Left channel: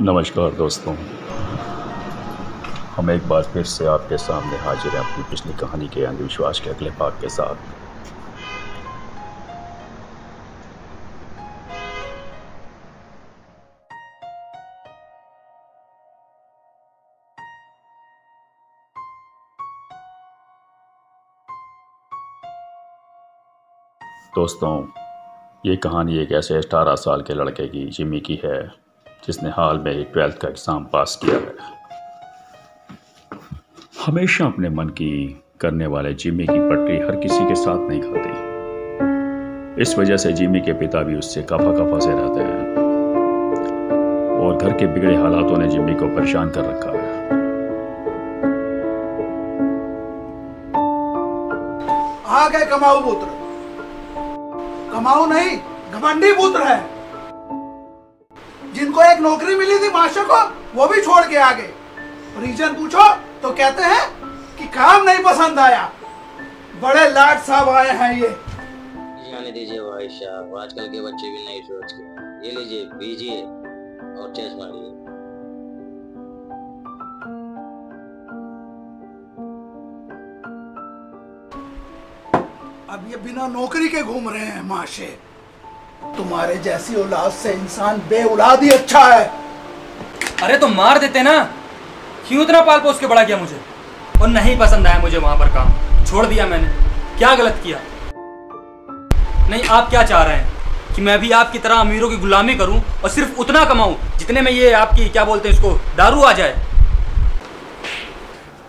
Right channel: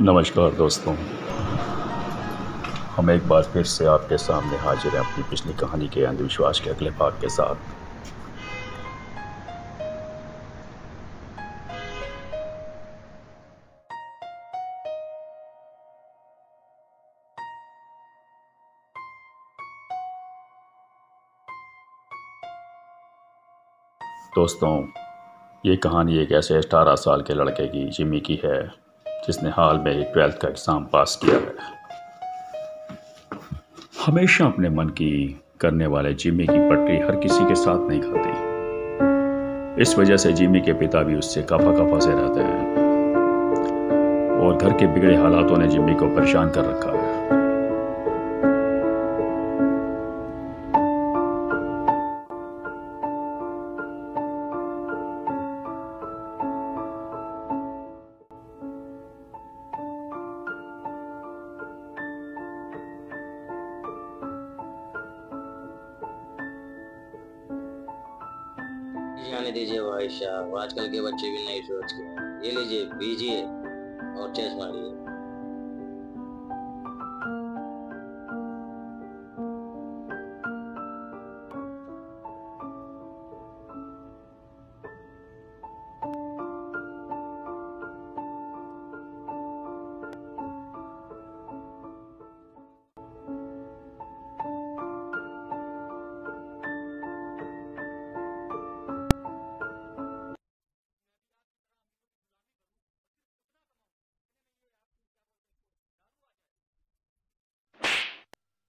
नमस्कार दोस्तों, हम एक बार फिर से आपके सामने हाजिर हैं अपनी पिछली कहानी के अंधविश्वास के अगले भाग के साथ। दोस्तों, ये कहानी एक ऐसे 18 साल के लड़के की जिमी की है जिसने हाल में ही 12th का एग्ज़ाम पास किया है। हमेशा अपने मन की करने वाले जिमी की पटरी हर किसी के साथ नहीं खाती। इस वजह से जिमी के पिता भी उससे खफा खफा से रहते हैं और घर के बिगड़े हालातों ने जिमी को परेशान कर रखा है। आ गए कमाऊ पुत्र। कमाऊ नहीं, घमंडी पुत्र है। जिनको एक नौकरी मिली थी मास्टर को, वो भी छोड़ के आ गए। रीजन पूछो तो कहते हैं कि काम नहीं पसंद आया। बड़े लाट साहब आए हैं ये। जाने दीजिए भाई साहब, आजकल के बच्चे भी नहीं सोच के। ये लीजिए, पीजिए और चेस मारिए। अब ये बिना नौकरी के घूम रहे हैं माशे। तुम्हारे जैसी औलाद से इंसान बे औलाद ही अच्छा है। अरे तो मार देते ना, क्यों इतना पाल पोस के बड़ा किया मुझे? और नहीं पसंद आया मुझे वहां पर काम, छोड़ दिया मैंने। क्या गलत किया? नहीं, आप क्या चाह रहे हैं कि मैं भी आपकी तरह अमीरों की गुलामी करूं और सिर्फ उतना कमाऊं जितने में ये आपकी क्या बोलते हैं इसको, दारू आ जाए?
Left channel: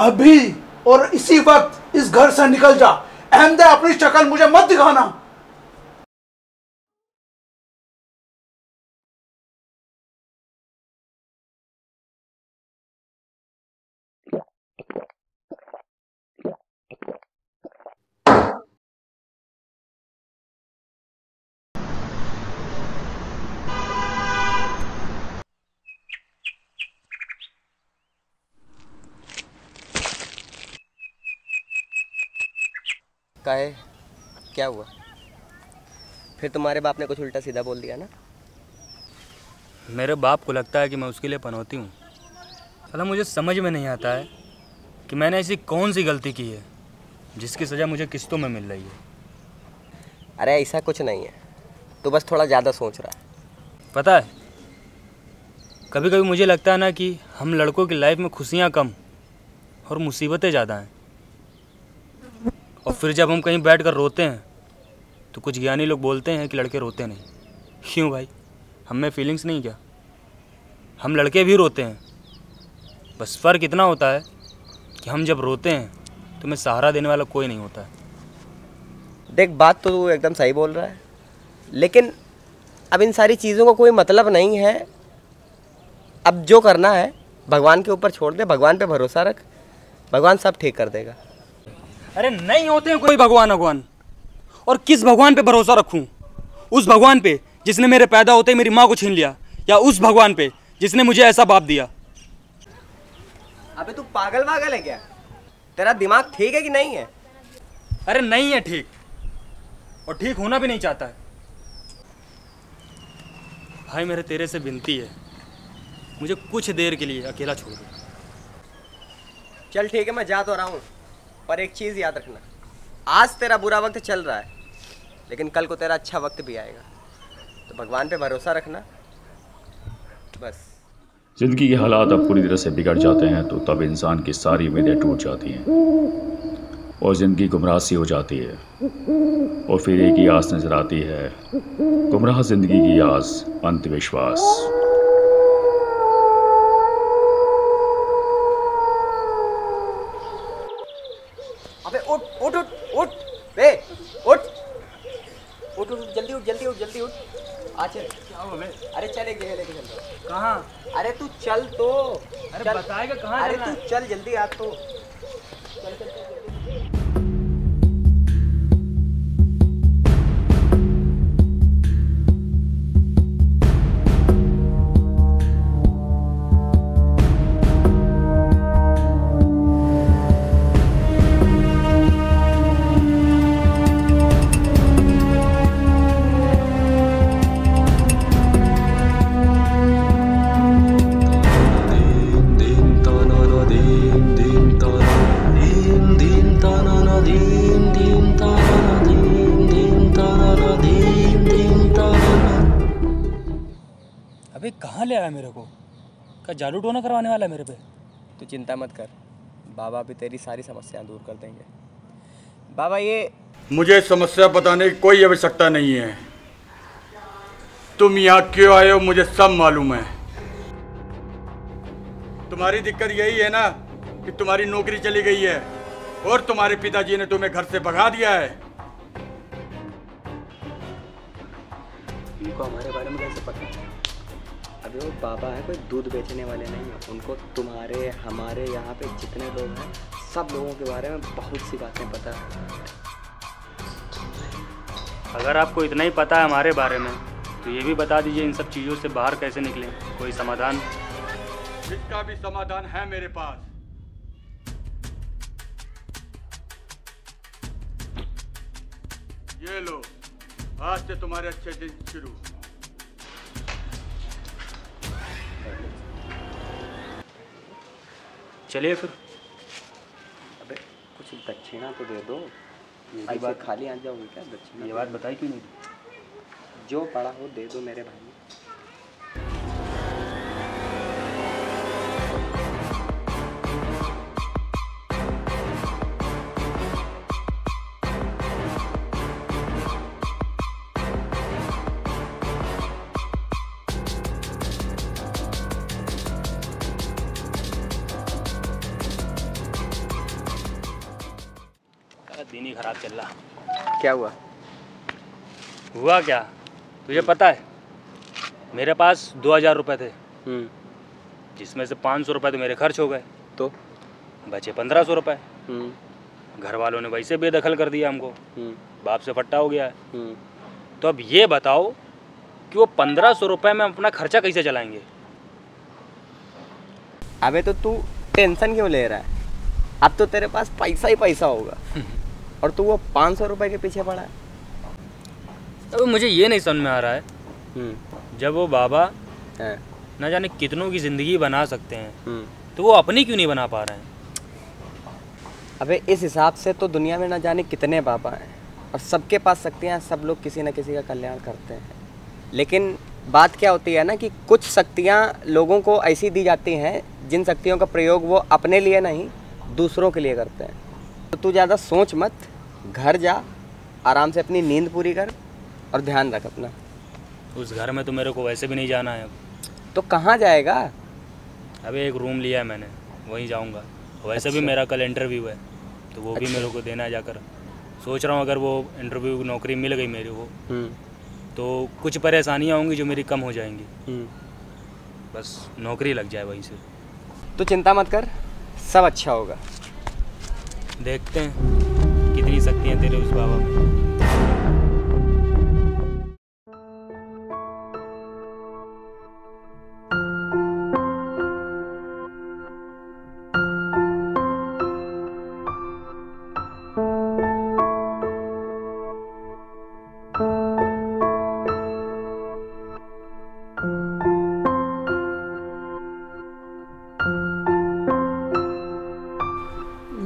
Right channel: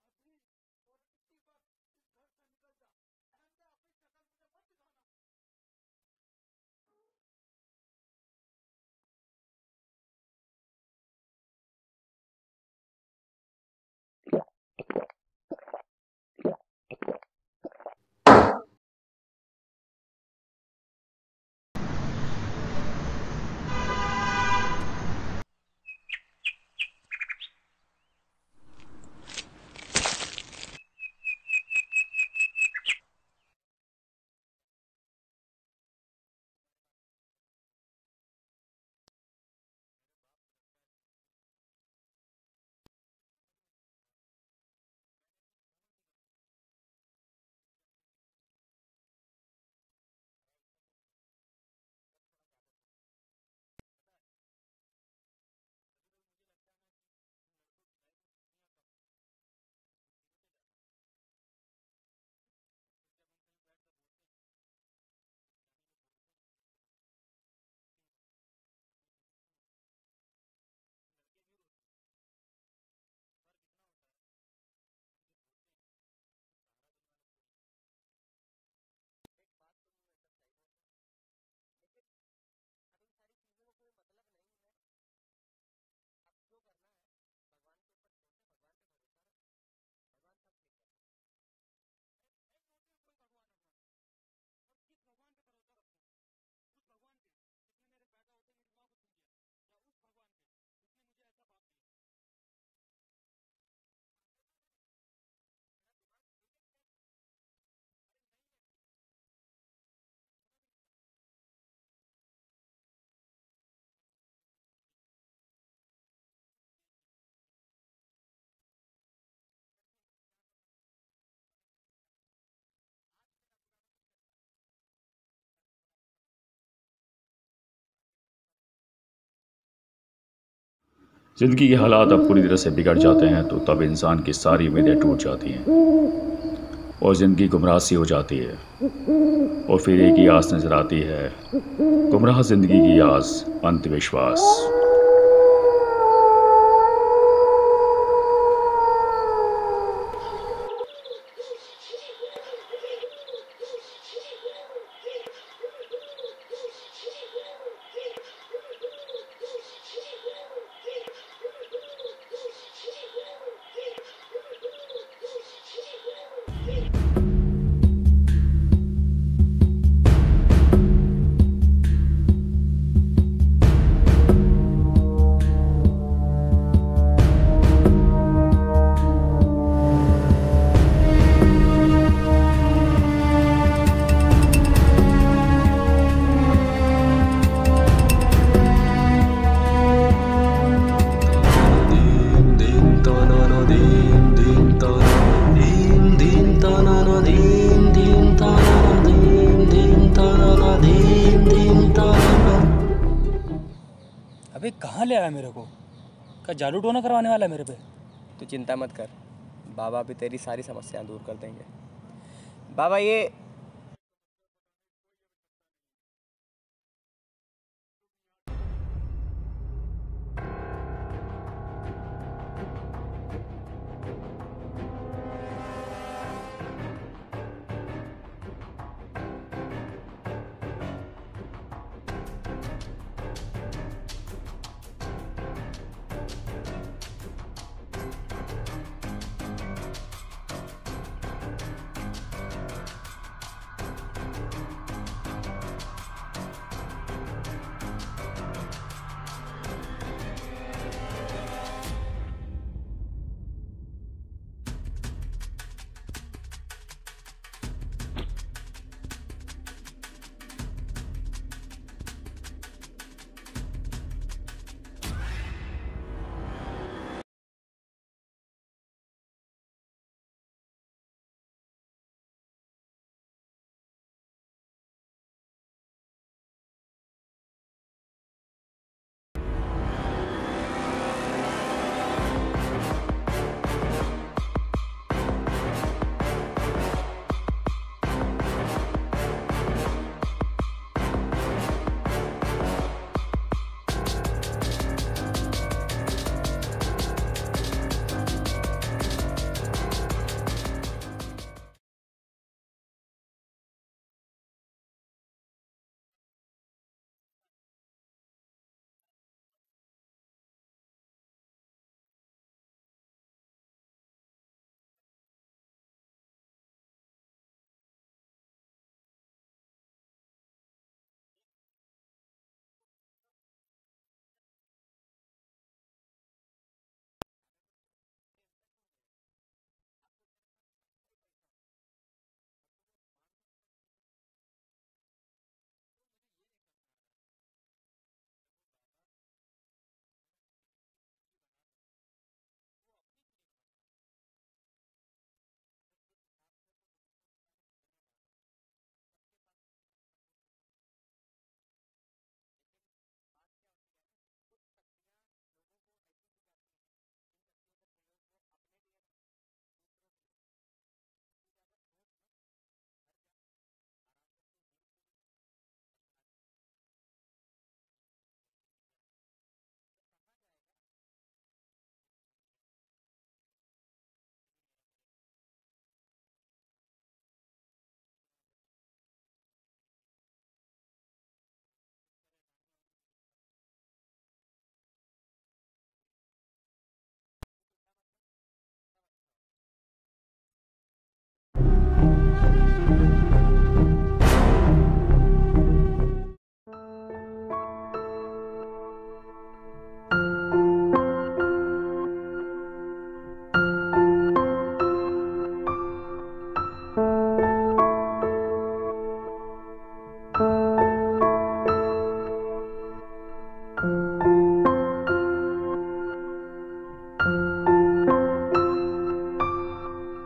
अभी और इसी वक्त इस घर से निकल जा। अहमदे, अपनी शक्ल मुझे मत दिखाना। काहे, क्या हुआ? फिर तुम्हारे बाप ने कुछ उल्टा सीधा बोल दिया ना? मेरे बाप को लगता है कि मैं उसके लिए पनौती हूँ। साला मुझे समझ में नहीं आता है कि मैंने ऐसी कौन सी गलती की है जिसकी सज़ा मुझे किस्तों में मिल रही है। अरे ऐसा कुछ नहीं है, तू बस थोड़ा ज़्यादा सोच रहा है। पता है, कभी कभी मुझे लगता है ना कि हम लड़कों की लाइफ में खुशियाँ कम और मुसीबतें ज़्यादा हैं। और फिर जब हम कहीं बैठकर रोते हैं तो कुछ ज्ञानी लोग बोलते हैं कि लड़के रोते नहीं। क्यों भाई, हम में फीलिंग्स नहीं क्या? हम लड़के भी रोते हैं, बस फ़र्क इतना होता है कि हम जब रोते हैं तो हमें सहारा देने वाला कोई नहीं होता है। देख, बात तो तू एकदम सही बोल रहा है, लेकिन अब इन सारी चीज़ों का कोई मतलब नहीं है। अब जो करना है भगवान के ऊपर छोड़ दे, भगवान पे भरोसा रख, भगवान सब ठीक कर देगा। अरे नहीं होते हैं कोई भगवान भगवान। और किस भगवान पे भरोसा रखूं? उस भगवान पे जिसने मेरे पैदा होते ही मेरी माँ को छीन लिया, या उस भगवान पे जिसने मुझे ऐसा बाप दिया? अबे तू पागल वागल है क्या? तेरा दिमाग ठीक है कि नहीं है? अरे नहीं है ठीक, और ठीक होना भी नहीं चाहता है। भाई मेरे तेरे से विनती है, मुझे कुछ देर के लिए अकेला छोड़ दो। चल ठीक है, मैं जा तो रहा हूँ, पर एक चीज़ याद रखना, आज तेरा बुरा वक्त चल रहा है, लेकिन कल को तेरा अच्छा वक्त भी आएगा। तो भगवान पे भरोसा रखना बस। ज़िंदगी के हालात अब पूरी तरह से बिगड़ जाते हैं तो तब इंसान की सारी उम्मीदें टूट जाती हैं और ज़िंदगी गुमराह सी हो जाती है। और फिर एक ही आस नज़र आती है, गुमराह ज़िंदगी की आस, अंधविश्वास। अबे उठ उठ उठ उठ, बे उठ उठ उठ, जल्दी उठ जल्दी उठ जल्दी उठ। आ चल। अरे चले गए लेके चल। कहाँ? अरे तू चल तो। अरे बताएगा कहाँ? अरे तू चल जल्दी आ तो। चल चल चल। अबे कहाँ ले आया मेरे को? क्या जादू टोना करवाने वाला है मेरे पे? तू चिंता मत कर, बाबा भी तेरी सारी समस्याएं दूर कर देंगे। बाबा ये मुझे समस्या बताने की कोई आवश्यकता नहीं है। तुम यहाँ क्यों आए हो मुझे सब मालूम है। तुम्हारी दिक्कत यही है ना कि तुम्हारी नौकरी चली गई है और तुम्हारे पिताजी ने तुम्हें घर से भगा दिया है। उनको हमारे बारे में कैसे पता है? अबे वो बाबा है, कोई दूध बेचने वाले नहीं। उनको तुम्हारे हमारे यहाँ पे जितने लोग, सब लोगों के बारे में बहुत सी बातें पता है। अगर आपको इतना ही पता है हमारे बारे में तो ये भी बता दीजिए इन सब चीज़ों से बाहर कैसे निकले, कोई समाधान? इसका भी समाधान है मेरे पास। ये लो, आज से तुम्हारे अच्छे दिन शुरू। चलिए फिर। अबे कुछ दक्षिणा तो दे दो। ऐसे खाली आ जाओगे क्या? दक्षिणा ये बात बताई क्यों नहीं? जो पड़ा हो दे दो मेरे भाई। दिन ही खराब चल रहा। क्या हुआ? हुआ क्या तुझे पता है? मेरे पास 2000 रुपये थे, जिसमें से 500 रुपये तो मेरे खर्च हो गए, तो बचे 1500 रुपये। घर वालों ने वैसे बेदखल कर दिया हमको, बाप से फट्टा हो गया है। तो अब ये बताओ कि वो 1500 रुपये में अपना खर्चा कैसे चलाएंगे? अबे तो तू टेंशन क्यों ले रहा है? अब तो तेरे पास पैसा ही पैसा होगा और तू वो 500 रुपये के पीछे पड़ा है। अब मुझे ये नहीं समझ में आ रहा है, जब वो बाबा है न जाने कितनों की ज़िंदगी बना सकते हैं तो वो अपनी क्यों नहीं बना पा रहे हैं? अबे इस हिसाब से तो दुनिया में न जाने कितने बाबा हैं और सबके पास शक्तियाँ, सब लोग किसी न किसी का कल्याण करते हैं। लेकिन बात क्या होती है ना कि कुछ शक्तियाँ लोगों को ऐसी दी जाती हैं जिन शक्तियों का प्रयोग वो अपने लिए नहीं दूसरों के लिए करते हैं। तो तू ज़्यादा सोच मत, घर जा, आराम से अपनी नींद पूरी कर और ध्यान रख अपना। उस घर में तो मेरे को वैसे भी नहीं जाना है। तो कहाँ जाएगा? अबे एक रूम लिया है मैंने, वहीं जाऊंगा। वैसे अच्छा। भी मेरा कल इंटरव्यू है तो वो भी अच्छा। मेरे को देना है जाकर। सोच रहा हूँ अगर वो इंटरव्यू नौकरी मिल गई मेरे को तो कुछ परेशानियाँ होंगी जो मेरी कम हो जाएंगी। बस नौकरी लग जाए वहीं से। तो चिंता मत कर, सब अच्छा होगा। देखते हैं कितनी शक्तियाँ तेरे उस बाबा में।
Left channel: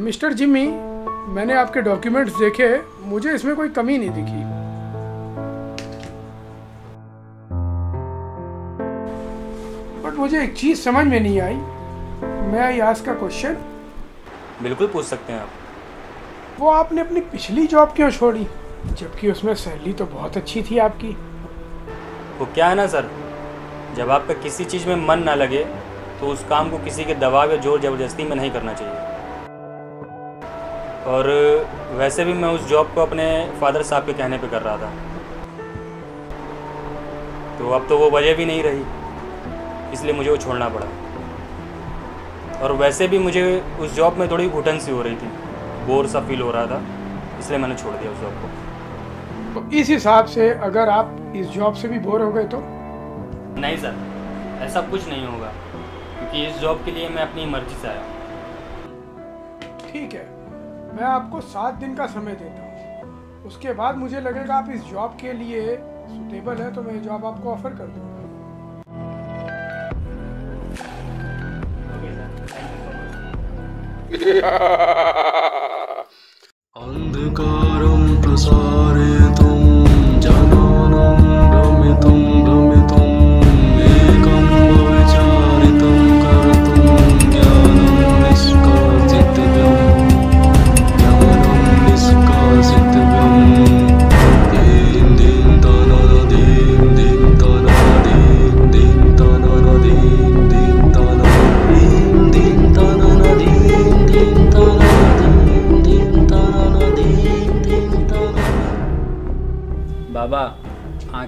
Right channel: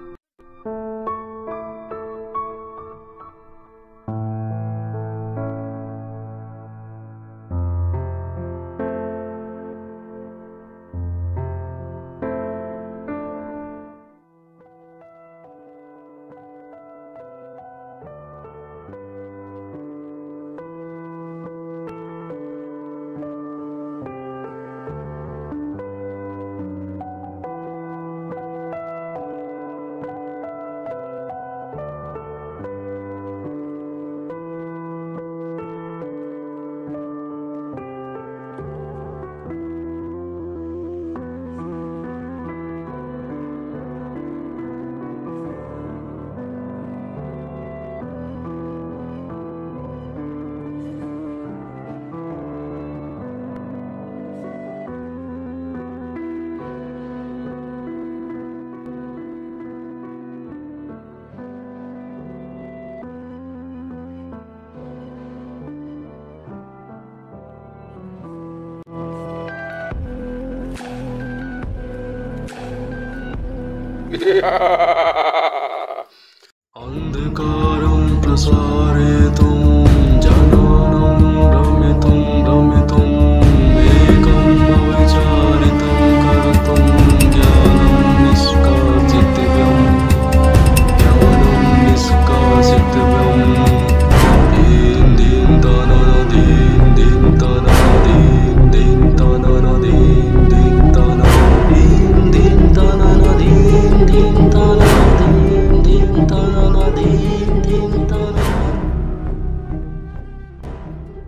मिस्टर जिमी, मैंने आपके डॉक्यूमेंट्स देखे, मुझे इसमें कोई कमी नहीं दिखी। बट मुझे एक चीज समझ में नहीं आई। मैं आई आस्क का क्वेश्चन? बिल्कुल पूछ सकते हैं आप। वो आपने अपनी पिछली जॉब क्यों छोड़ी, जबकि उसमें सैलरी तो बहुत अच्छी थी आपकी? वो क्या है ना सर, जब आपका किसी चीज़ में मन ना लगे तो उस काम को किसी के दबाव या जोर ज़बरदस्ती में नहीं करना चाहिए। और वैसे भी मैं उस जॉब को अपने फादर साहब के कहने पे कर रहा था, तो अब तो वो वजह भी नहीं रही, इसलिए मुझे वो छोड़ना पड़ा। और वैसे भी मुझे उस जॉब में थोड़ी घुटन सी हो रही थी, बोर सा फील हो रहा था, इसलिए मैंने छोड़ दिया उस जॉब को। तो इस हिसाब से अगर आप इस जॉब से भी बोर हो गए तो? नहीं सर, ऐसा कुछ नहीं होगा कि इस जॉब के लिए मैं अपनी मर्जी से आया। ठीक है, मैं आपको 7 दिन का समय देता हूँ। उसके बाद मुझे लगेगा आप इस जॉब के लिए सुटेबल है तो मैं जॉब आपको ऑफर कर दूँगा। अंधकारं प्रसारयितुं जनानं रमितुं एकं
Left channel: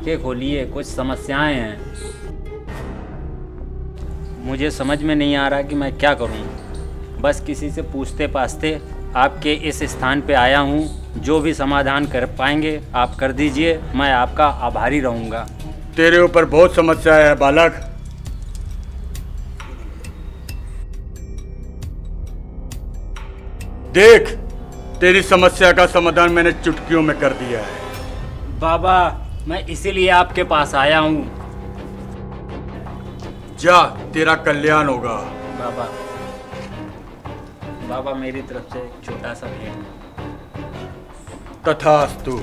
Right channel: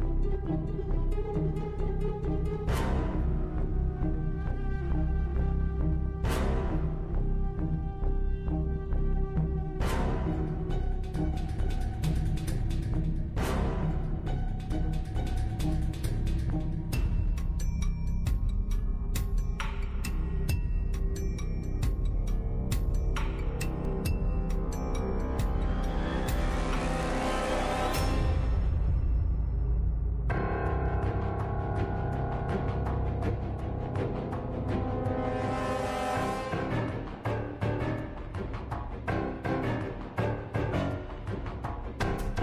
आंखें खोलिए, कुछ समस्याएं हैं। मुझे समझ में नहीं आ रहा कि मैं क्या करूं। बस किसी से पूछते पाछते आपके इस स्थान पे आया हूं। जो भी समाधान कर पाएंगे आप कर दीजिए, मैं आपका आभारी रहूंगा। तेरे ऊपर बहुत समस्या है बालक। देख, तेरी समस्या का समाधान मैंने चुटकियों में कर दिया है। बाबा, मैं इसीलिए आपके पास आया हूँ। जा, तेरा कल्याण होगा। बाबा, बाबा मेरी तरफ से एक छोटा सा भेंट। तथास्तु।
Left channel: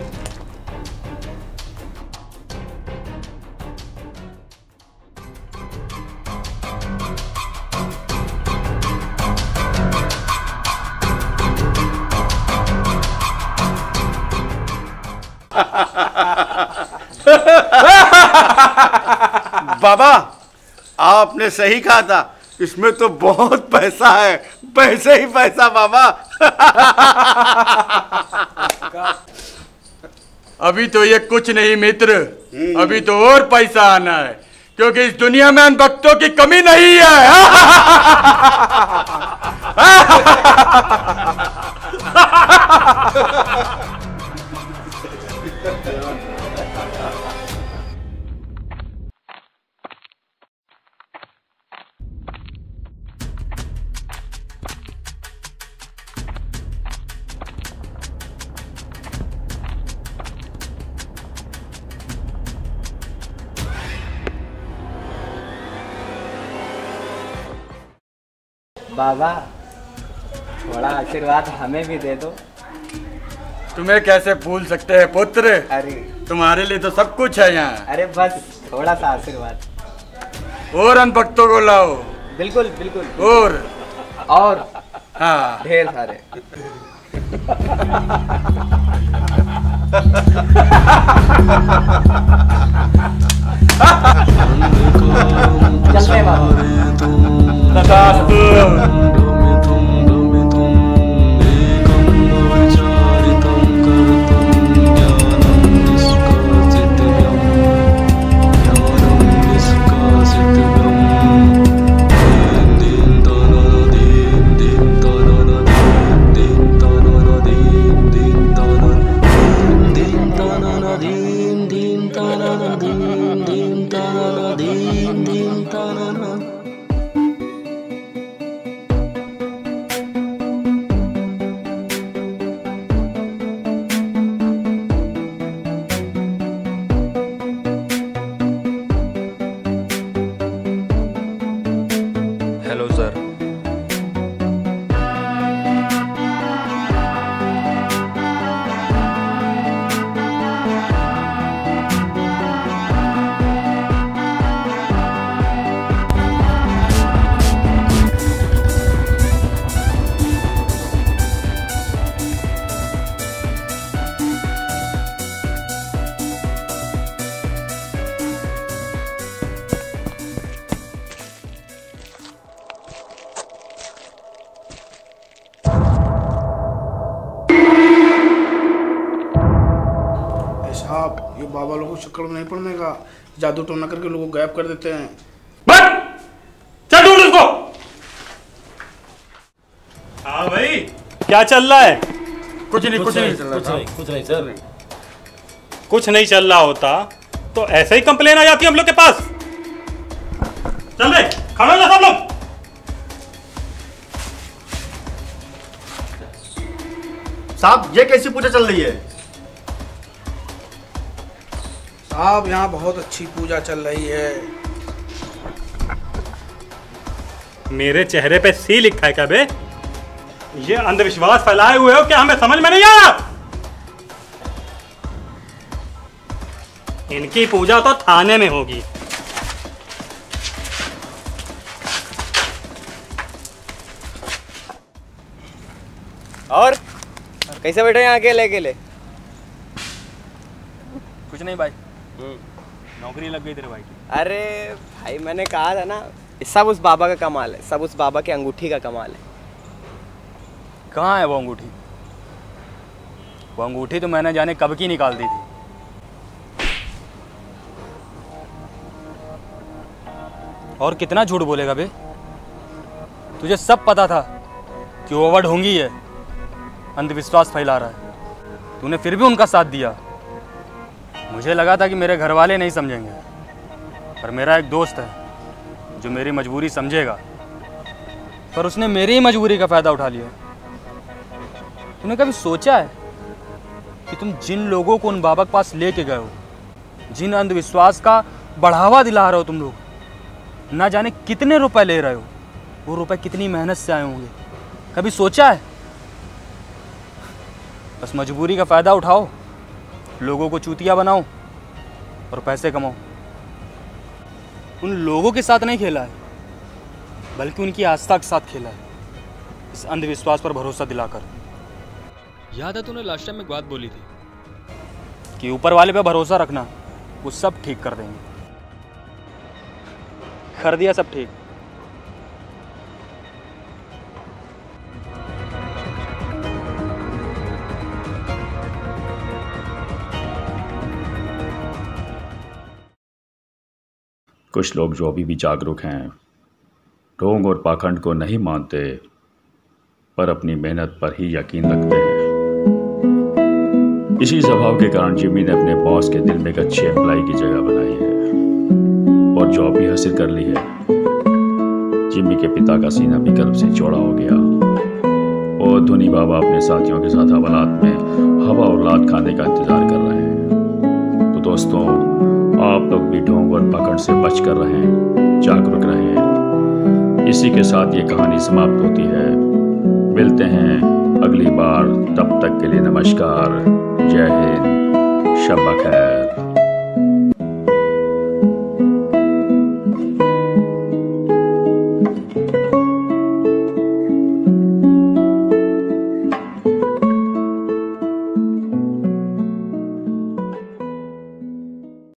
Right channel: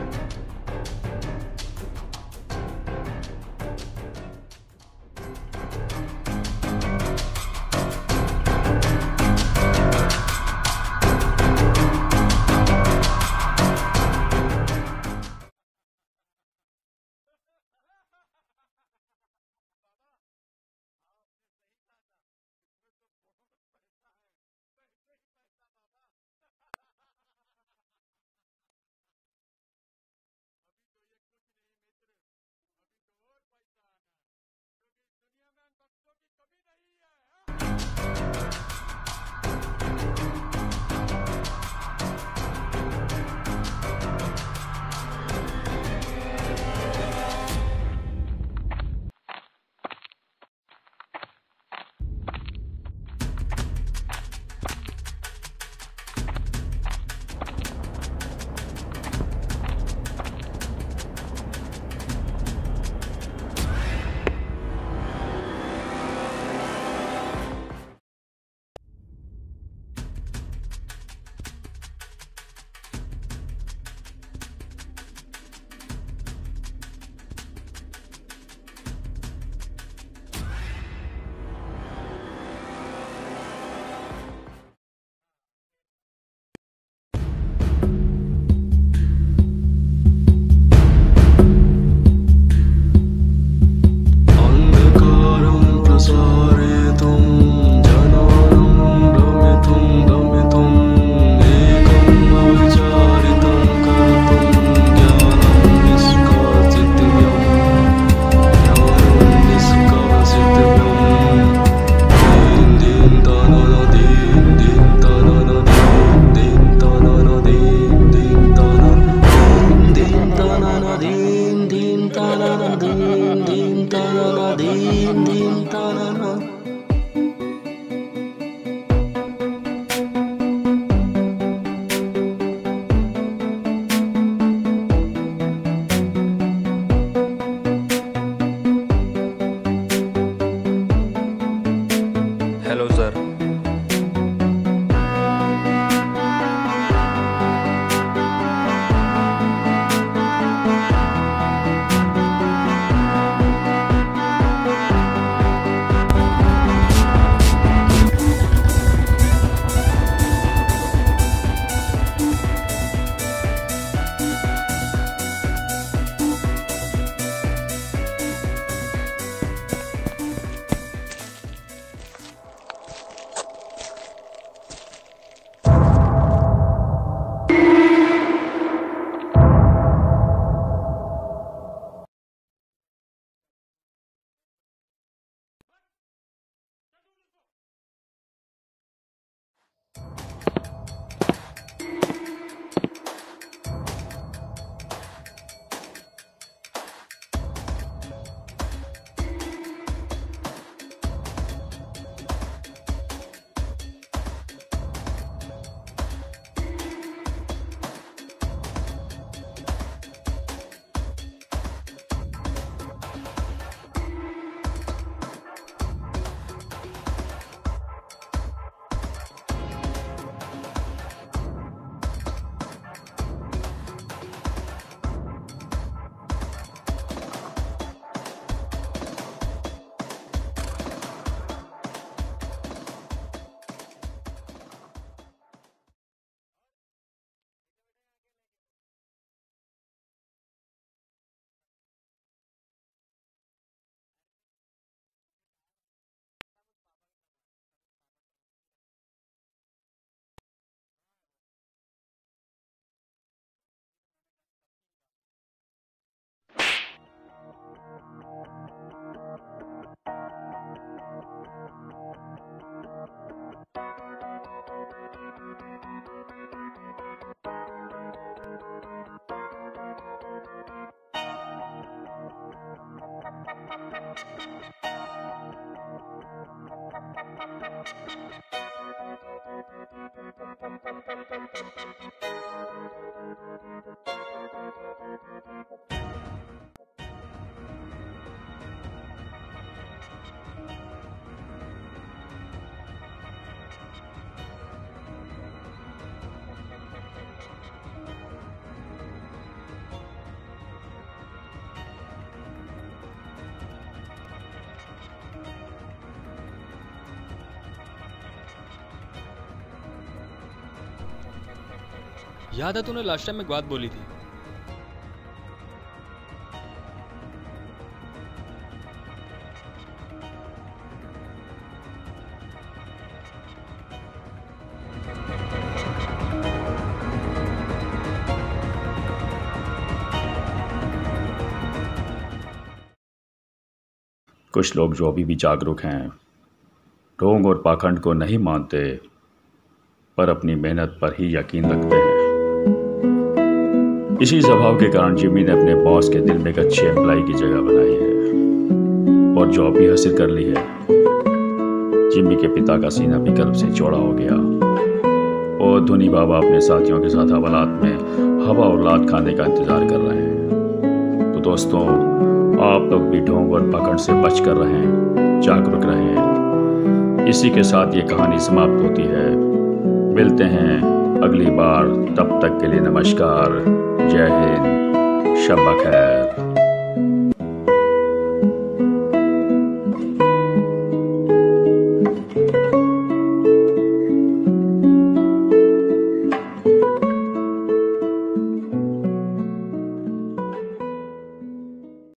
बाबा, आपने सही कहा था, इसमें तो बहुत पैसा है, पैसे ही पैसा बाबा। अभी तो ये कुछ नहीं मित्र, अभी तो और पैसा आना है, क्योंकि इस दुनिया में अन भक्तों की कमी नहीं है। बाबा, थोड़ा आशीर्वाद हमें भी दे दो। तुम्हें कैसे भूल सकते हैं पुत्र? अरे तुम्हारे लिए तो सब कुछ है यहाँ। अरे बस थोड़ा सा आशीर्वाद। और अन भक्तों को लाओ। बिल्कुल बिल्कुल। और हाँ, ढेर सारे। Hello sir. बाबा लोगों को चक्कर में नहीं पड़ने का, जादू टोना करके लोगों को गायब कर देते हैं। चल ढूंढ उसको। हाँ भाई, क्या चल रहा है? कुछ नहीं सर। कुछ नहीं चल रहा होता तो ऐसे ही कंप्लेन आ जाती है हम लोग के पास। चल रहे खड़े हो जा सब लोग। साहब, ये कैसी पूजा चल रही है? साहब, यहाँ बहुत अच्छी पूजा चल रही है। मेरे चेहरे पे सी लिखा है क्या बे? ये अंधविश्वास फैलाए हुए हो क्या? हमें समझ में नहीं आया। इनकी पूजा तो थाने में होगी। और कैसे बैठे यहाँ अकेले अकेले? कुछ नहीं भाई, नौकरी लग गई तेरे भाई की। अरे भाई, मैंने कहा था ना, सब उस बाबा का कमाल है, सब उस बाबा के अंगूठी का कमाल है। कहाँ है वो अंगूठी? वो अंगूठी तो मैंने जाने कब की निकाल दी थी। और कितना झूठ बोलेगा बे? तुझे सब पता था कि वो ढोंगी है, अंधविश्वास फैला रहा है। तूने फिर भी उनका साथ दिया। मुझे लगा था कि मेरे घर वाले नहीं समझेंगे, पर मेरा एक दोस्त है जो मेरी मजबूरी समझेगा, पर उसने मेरी ही मजबूरी का फ़ायदा उठा लिया। तूने कभी सोचा है कि तुम जिन लोगों को उन बाबा के पास लेके गए हो, जिन अंधविश्वास का बढ़ावा दिला रहे हो तुम लोग, ना जाने कितने रुपए ले रहे हो, वो रुपए कितनी मेहनत से आए होंगे? कभी सोचा है? बस मजबूरी का फ़ायदा उठाओ, लोगों को चूतिया बनाओ और पैसे कमाओ। उन लोगों के साथ नहीं खेला है, बल्कि उनकी आस्था के साथ खेला है, इस अंधविश्वास पर भरोसा दिलाकर। याद है तूने लास्ट टाइम एक बात बोली थी कि ऊपर वाले पे भरोसा रखना, वो सब ठीक कर देंगे। कर दिया सब ठीक। कुछ लोग जो अभी भी जागरूक हैं, ढोंग और पाखंड को नहीं मानते, पर अपनी मेहनत पर ही यकीन रखते हैं। इसी स्वभाव के कारण जिम्मी ने अपने बॉस के दिल में एक अच्छे एम्प्लॉय की जगह बनाई है और जॉब भी हासिल कर ली है। जिम्मी के पिता का सीना भी गर्व से चौड़ा हो गया और धोनी बाबा अपने साथियों के साथ हवालात में हवा और लात खाने का इंतजार कर रहे हैं। तो दोस्तों, आप लोग भी ढोंग और पकड़ से बच कर रहें, जागरूक रहें। इसी के साथ ये कहानी समाप्त होती है। मिलते हैं अगली बार, तब तक के लिए नमस्कार, जय हिंद, शब बखैर।